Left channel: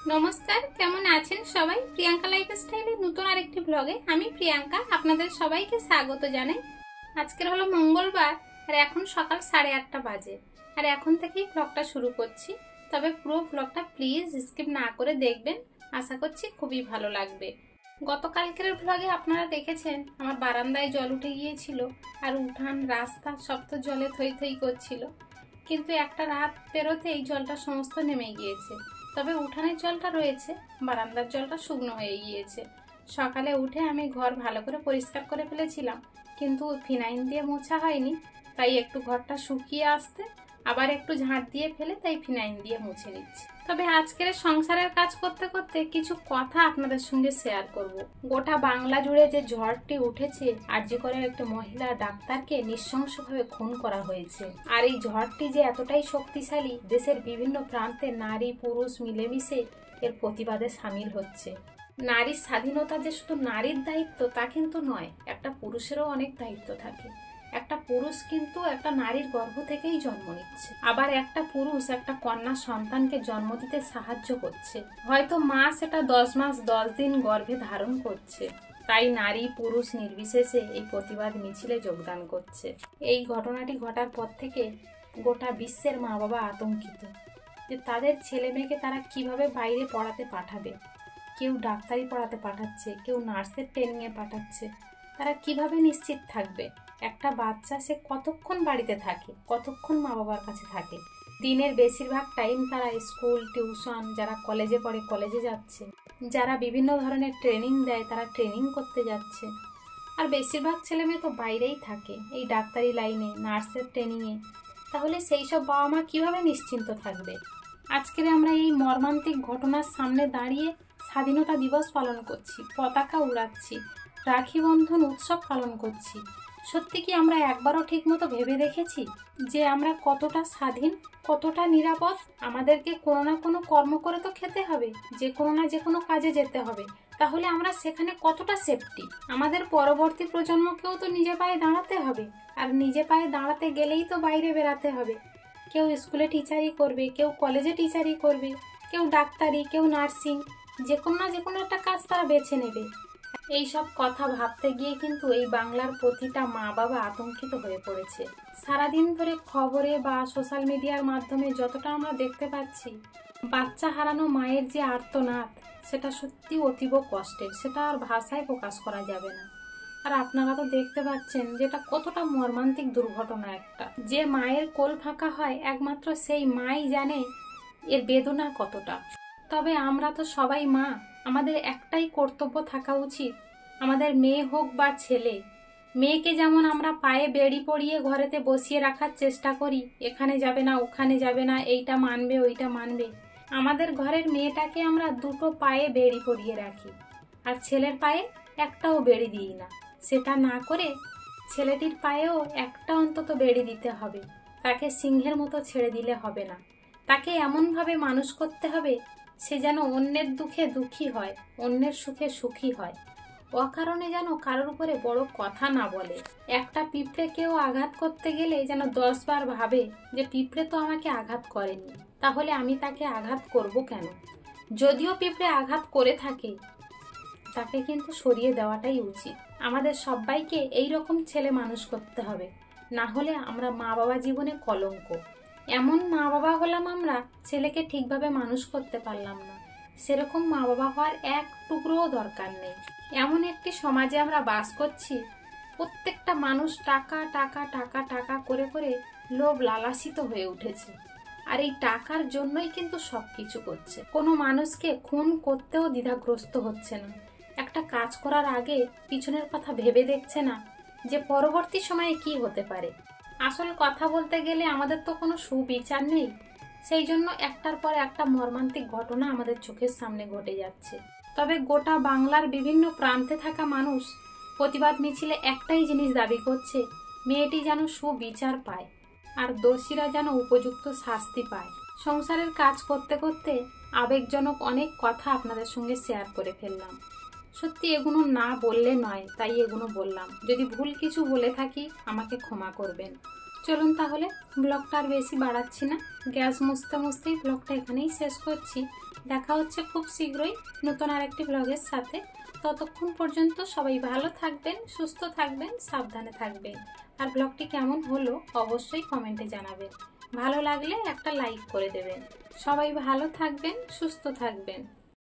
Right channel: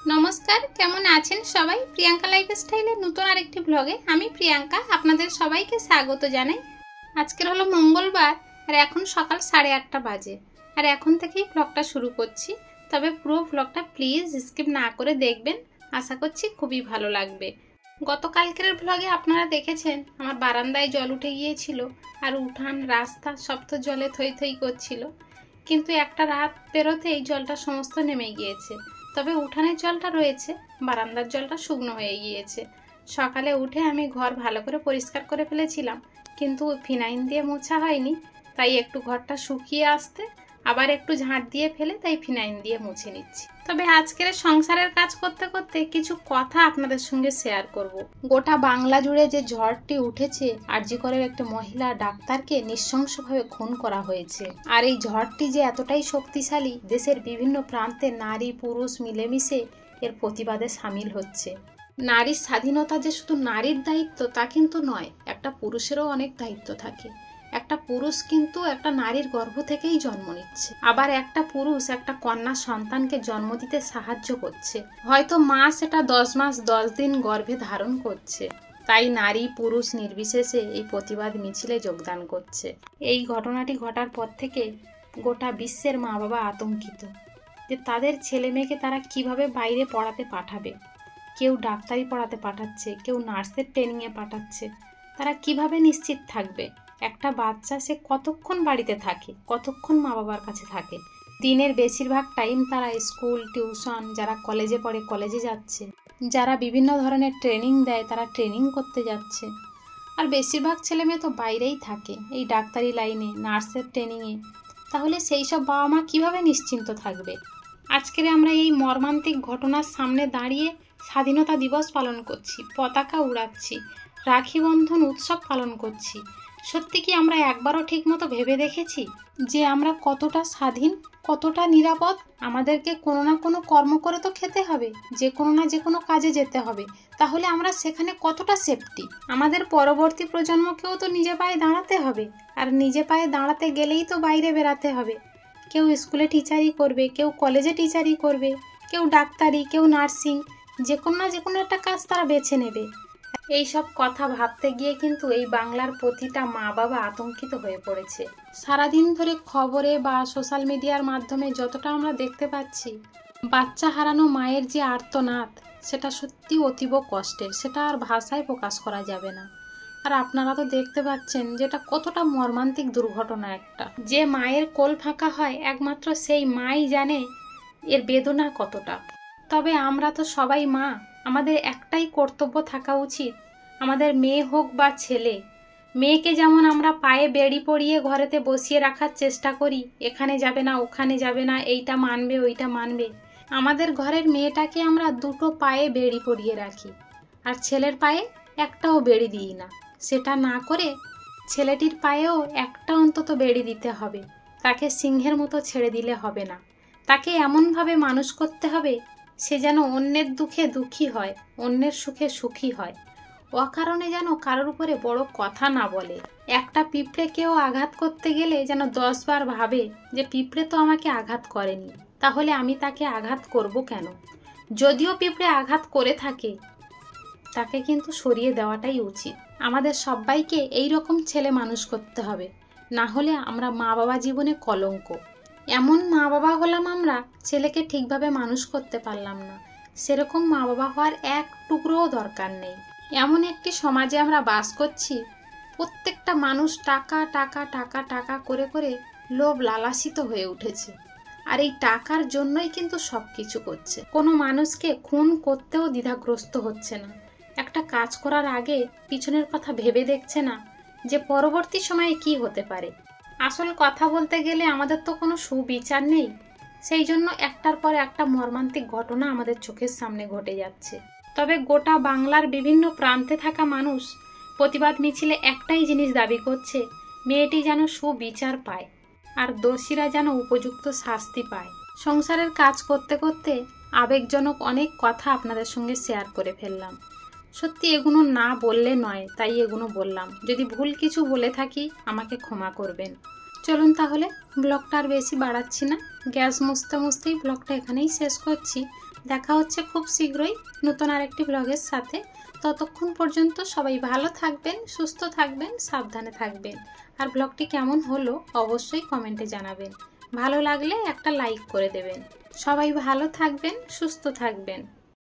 নমস্কার, কেমন আছেন সবাই? প্রিয়াঙ্কা লাইফস্টাইলের নতুন আরেকটি ব্লগে আমি প্রিয়াঙ্কা আপনাদের সবাইকে স্বাগত জানাই। আজকের হলো মঙ্গলবার আর এখন সকাল 8:30 বাজে। আর এখন থেকেই ব্লগটা শুরু করছি। তবে পুরো ব্লগটা প্লিজ স্কিপ না করে দেখবেন, আশা করছি খুবই ভালো লাগবে। গতকালকের ব্লগে আপনারা দেখেছেন আমার বারান্দায় জল উঠে গিয়েছিল আর উঠান রাস্তা সব তো জলে থই থই করছিল। কিন্তু একটা রাত পেরোতে এই জলটা সমস্ত নেমে গিয়েছে। তবে উঠানের জলটা রয়েছে, বারান্দার জলটা শুকনো হয়ে গিয়েছে। সকালে উঠে আমি ঘর ভালো করে পরিষ্কার করে ফেলেছিলাম, কিন্তু ফিনাইল দিয়ে মোছা হয়নি, তাই একটু ঘরটা শুকিয়ে আসতে আবার একটু ঝাঁট দিয়ে ফেলে তাই ফিনাইল দিয়ে মুছে নিচ্ছি। তবে আজকের সংসারের কাজ করতে করতে কিছু কথা আপনাদের সঙ্গে শেয়ার করব। গোটা বাংলা জুড়ে যে ঝড়টি উঠেছে, আরজি করের একটি মহিলা ডাক্তারকে নৃশংসভাবে খুন করা হয়েছে। আর এই ঝড়টি যে এতটাই শক্তিশালী, দেশের বিভিন্ন প্রান্তে নারী পুরুষ মিলেমিশে এর প্রতিবাদে সামিল হচ্ছে। নারীর স্বাধীনতা যে শুধু নারীর দায়িত্ব তা কিন্তু নয়, একটা পুরুষেরও অনেক দায়িত্ব থাকে। একটা পুরুষ কিন্তু একটা নারীর গর্ভ থেকেই জন্ম নিচ্ছে, আবার একটা পুরুষ একটা কন্যা সন্তানকে জন্ম দিতে সাহায্য করছে। হয়তো মা সেটা 10 মাস 10 দিন গর্ভে ধারণ করছে, তাই নারী পুরুষ নির্বিশেষে এই প্রতিবাদ মিছিলে যোগদান করছে। এই ঘটনাটি ঘটার পর থেকে গোটা বিশ্বের মা বাবা আতঙ্কিত যে তাদের ছেলে মেয়েকে তারা কিভাবে বাইরে পড়াতে পাঠাবে। কেউ ডাক্তারি পড়াতে পাঠাচ্ছে, কেউ নার্সের ট্রেনিংয়ে পাঠাচ্ছে। তারা কিভাবে নিশ্চিত থাকবে একটা বাচ্চা সে কতক্ষণ বাড়িতে থাকে, কতক্ষণ মা বাবার কাছে থাকে? দিনের বেশিরভাগ টাইম তারা স্কুল টিউশন, যারা কলেজে পড়ে কলেজে যাচ্ছে, যারা বিভিন্ন ধরনের ট্রেনিং দেয় তারা ট্রেনিং করতে যাচ্ছে। আর বেশিরভাগ ছেলে মেয়ে তো বাইরেই থাকে এই ডাক্তারি লাইনে, নার্সের ট্রেনিংয়ে। তাহলে সেই সব বাবা মা কীভাবে নিশ্চিন্ত থাকবে? আজকের আমরা এই মর্মান্তিক ঘটনার সামনে দাঁড়িয়ে স্বাধীনতা দিবস পালন করছি, পতাকা উড়াচ্ছি, রাখি বন্ধন উৎসব পালন করছি। সত্যি কি আমরা একবারও ঠিকমতো ভেবে দেখেছি যে আমরা কতটা স্বাধীন, কতটা নিরাপদ? আমাদেরকে কোনো না কোনো কর্ম করে তো খেতে হবে, যে কোনো না যে কোনো কাজে যেতে হবে। তাহলে আমরা সেখানে কতটা সেফটি? আমাদের পরবর্তী প্রজন্মকেও তো নিজে পায়ে দাঁড়াতে হবে, আর নিজে পায়ে দাঁড়াতে গেলেই তো বাইরে বেরাতে হবে। কেউ স্কুলে টিচারই করবে, কেউ কলেজে টিচারই করবে, কেউ ডাক্তারি, কেউ নার্সিং, যে কোনো না যে কোনো একটা কাজ তারা বেছে নেবে। এই সব কথা ভাবতে গিয়ে কিন্তু এই বাংলার প্রতিটা মা বাবা আতঙ্কিত হয়ে পড়েছে। সারাদিন ধরে খবরে বা সোশ্যাল মিডিয়ার মাধ্যমে যতটা আমরা দেখতে পাচ্ছি, বাচ্চা হারানো মায়ের যে আর্তনাদ, সেটা সত্যি অতীব কষ্টের, সেটা আর ভাষায় প্রকাশ করা যাবে না। আর আপনারা তো দেখতে পাচ্ছেন যেটা কতটা মর্মান্তিক দুর্ঘটনা একটা। যে মায়ের কোল ফাঁকা হয় একমাত্র সেই মাই জানে এর বেদনা কতটা। তবে আমরা তো সবাই মা, আমাদের একটাই কর্তব্য থাকা উচিত, আমাদের মেয়ে হোক বা ছেলে, মেয়েকে যেমন আমরা পায়ে বেড়ি পরিয়ে ঘরেতে বসিয়ে রাখার চেষ্টা করি, এখানে যাবে না ওখানে যাবে না, এইটা মানবে ওইটা মানবে, আমাদের ঘরের মেয়েটাকে আমরা দুটো পায়ে বেড়ি পরিয়ে রাখি, আর ছেলের পায়ে একটাও বেড়ি দিই না। সেটা না করে ছেলেটির পায়েও একটা অন্তত বেড়ি দিতে হবে। তাকে সিংহের মতো ছেড়ে দিলে হবে না, তাকে এমনভাবে মানুষ করতে হবে সে যেন অন্যের দুঃখে দুঃখী হয়, অন্যের সুখে সুখী হয়, অকারণে যেন কারোর উপরে বড় কথা না বলে। একটা পিঁপড়েকেও আঘাত করতে গেলে যেন 10 বার ভাবে যে পিঁপড়ে তো আমাকে আঘাত করেনি, তাহলে আমি তাকে আঘাত করব কেন? যদিও পিঁপড়ে আঘাত করে থাকে, তাকে কিন্তু সরিয়ে দেওয়াটাই উচিত। আমাদের সবাইকে এই রকম ছেলে মানুষ করতে হবে, না হলে আমরা মা বাবা জীবনে কলঙ্ক। এমন মা বাবা হলাম আমরা, ছেলেকে ঠিকভাবে মানুষ করতে পারলাম না। সেরকম মা বাবা হওয়ার এক টুকরোও দরকার নেই। এমন একটি সমাজে আমরা বাস করছি, প্রত্যেকটা মানুষ টাকা টাকা টাকা টাকা করে করে লোভ লালাসিত হয়ে উঠেছে। আর এই টাকার জন্যই কিন্তু সব কিছু করছে। কোনো মানুষকে খুন করতেও দ্বিধাগ্রস্ত হচ্ছে না। একটা কাজ করার আগে পিছনের কথা ভেবে দেখছে না যে পরবর্তী সময়ে কি হতে পারে। আসল কথা বলতে গেলে আমাদের তো কোনো সুবিচার নেই, সেই জন্য একটার পর একটা মর্মান্তিক ঘটনা আমাদের চোখের সামনে ঘটে যাচ্ছে। তবে গোটা বাংলার বিভিন্ন প্রান্তে থাকা মানুষ প্রতিবাদ মিছিলে একটাই জিনিস দাবি করছে, মেয়েটি যেন সুবিচার পায় আর দোষীরা যেন উপযুক্ত শাস্তি পায়। সংসারের কাজ করতে করতে আবেগজনক অনেক কথা আপনাদের সঙ্গে শেয়ার করে ফেললাম। সত্যি এগুলো না বললে নয়, তাই এগুলো বললাম। যদি ভুল কিছু বলে থাকি আমাকে ক্ষমা করবেন। চলুন তাহলে, ব্লগটা আর বেশি বাড়াচ্ছি না, গ্যাস মুছতে মুছতেই ব্লগটা এখানেই শেষ করছি। দেখা হচ্ছে খুব শীঘ্রই নতুন আরেকটি ব্লগের সাথে। ততক্ষণ পর্যন্ত সবাই ভালো থাকবেন, সুস্থ থাকবেন, সাবধানে থাকবেন। আর ব্লগটি কেমন হলো অবশ্যই কমেন্টে জানাবেন। ভালো লাগলে একটা লাইক করে দেবেন। সবাই ভালো থাকবেন, সুস্থ থাকবেন।